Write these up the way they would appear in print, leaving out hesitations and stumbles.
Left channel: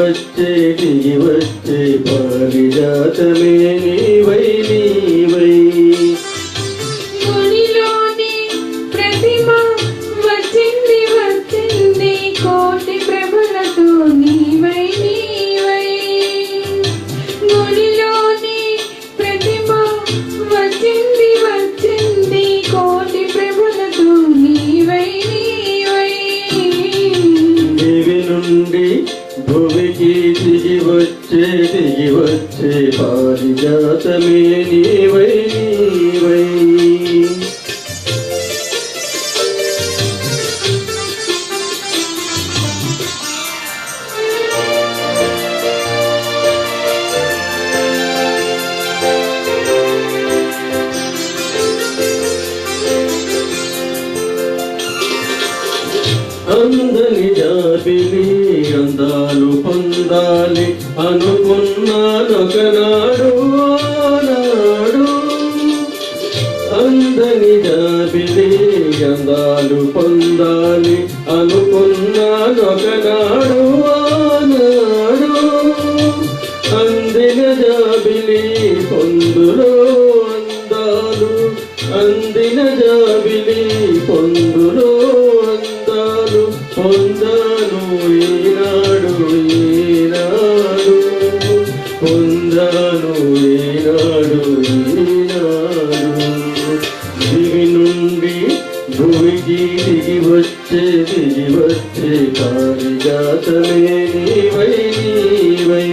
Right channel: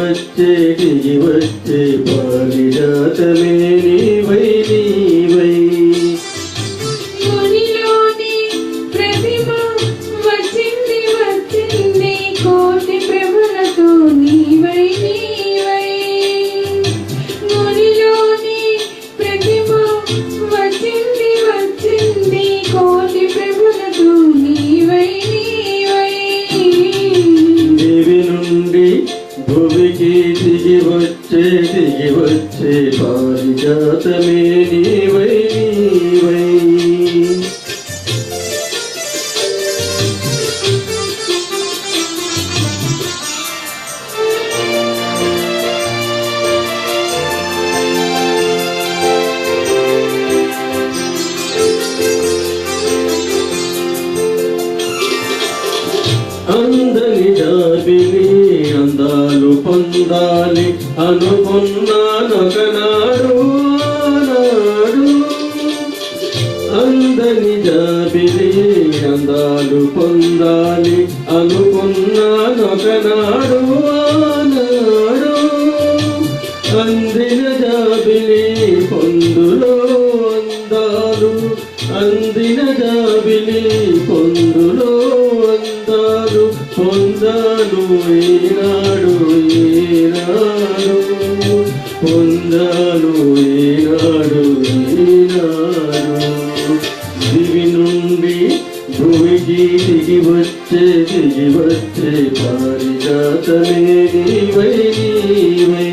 దిగి వచ్చే పారిజాతమే నీవై నీవై. గుడిలోని ప్రతిమ వచ్చింది వచ్చింది కోటి ప్రభలతో నీవై నీవై. గుడిలోని ప్రతిమ వచ్చింది వచ్చింది కోటి ప్రభలతో నీవై నీవై. దేవి నుండి భూమికి దిగి వచ్చే పారిజాతమే నీవై నీవై. అందని జాబిలి అందాలు పొందాలి అనుకున్నానొకనాడు ఆనాడు. అందని జాబిలి అందాలు పొందాలి అనుకున్నానొకనాడు ఆనాడు. అందిన జాబిలి పొందులో అందాలు అందిన జాబిలి పొందులో అందాలు పొందాను ఈనాడు ఈనాడు పొందాను ఈనాడు ఈనాడు. దివి నుండి భూమికి దిగి వచ్చే పారిజాతమే నీవై నీవై.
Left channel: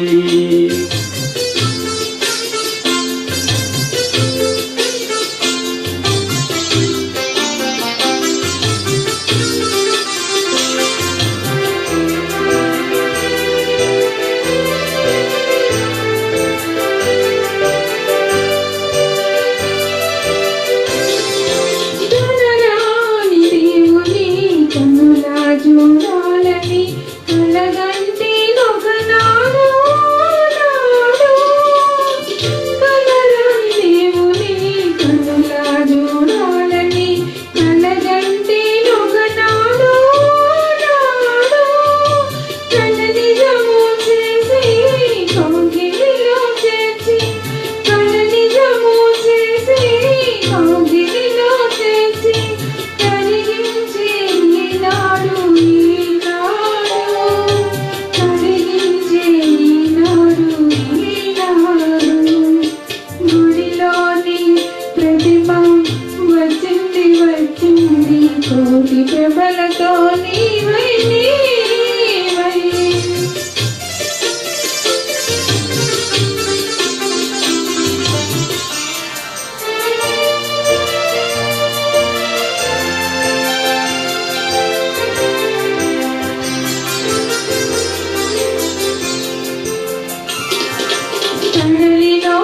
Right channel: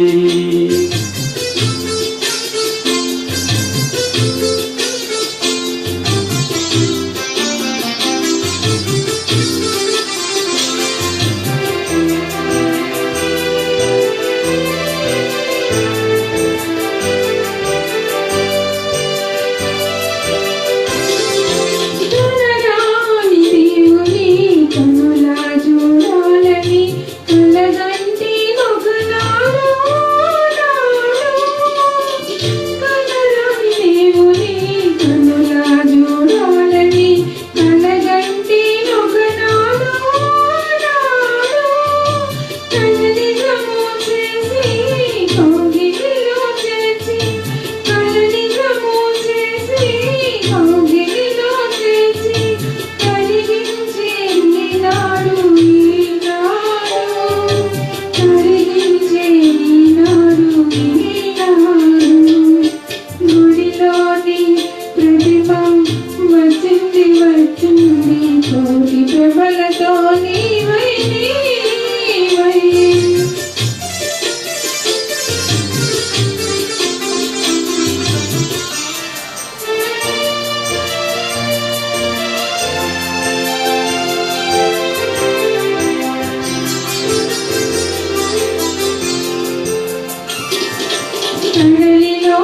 కోటి ప్రభలతో నీవై నీవై. కడలిలో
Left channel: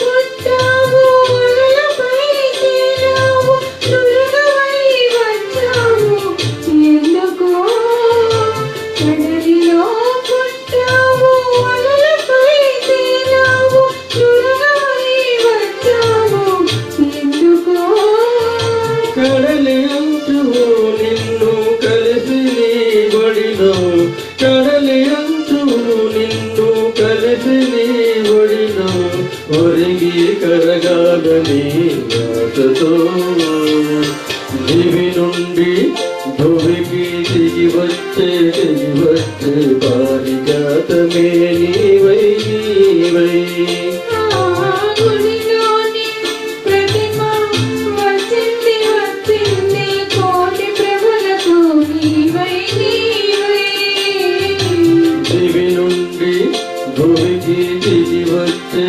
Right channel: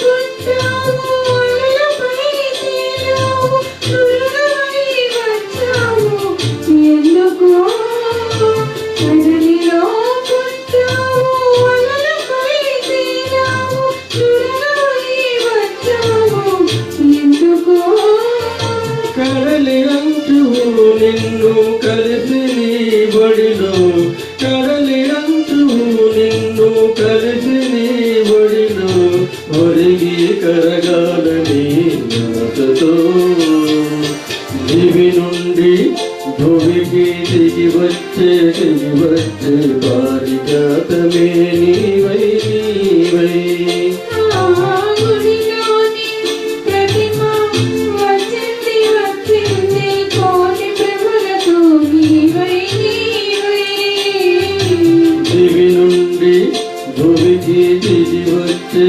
పుట్టావు అలలపై తేలావు దుర్గవై వచ్చావు ఎందుకో. కడలిలో పుట్టావు అలలపై తేలావు దుర్గవై వచ్చావు ఎందుకో. కడలి అంటూ నిన్ను కలిసి నీ బడిలో కడలి అంటూ నిన్ను కలిసి నీ బడిలో ఒరిగి కరగాలని ఆశతో. దివి నుండి భూమికి దిగి వచ్చే పారిజాతమే నీవై నీవై. గుడిలోని ప్రతిమ వచ్చింది వచ్చింది కోటి ప్రభలతో నీవై నీవై. దివి నుండి భూమికి దిగి వచ్చే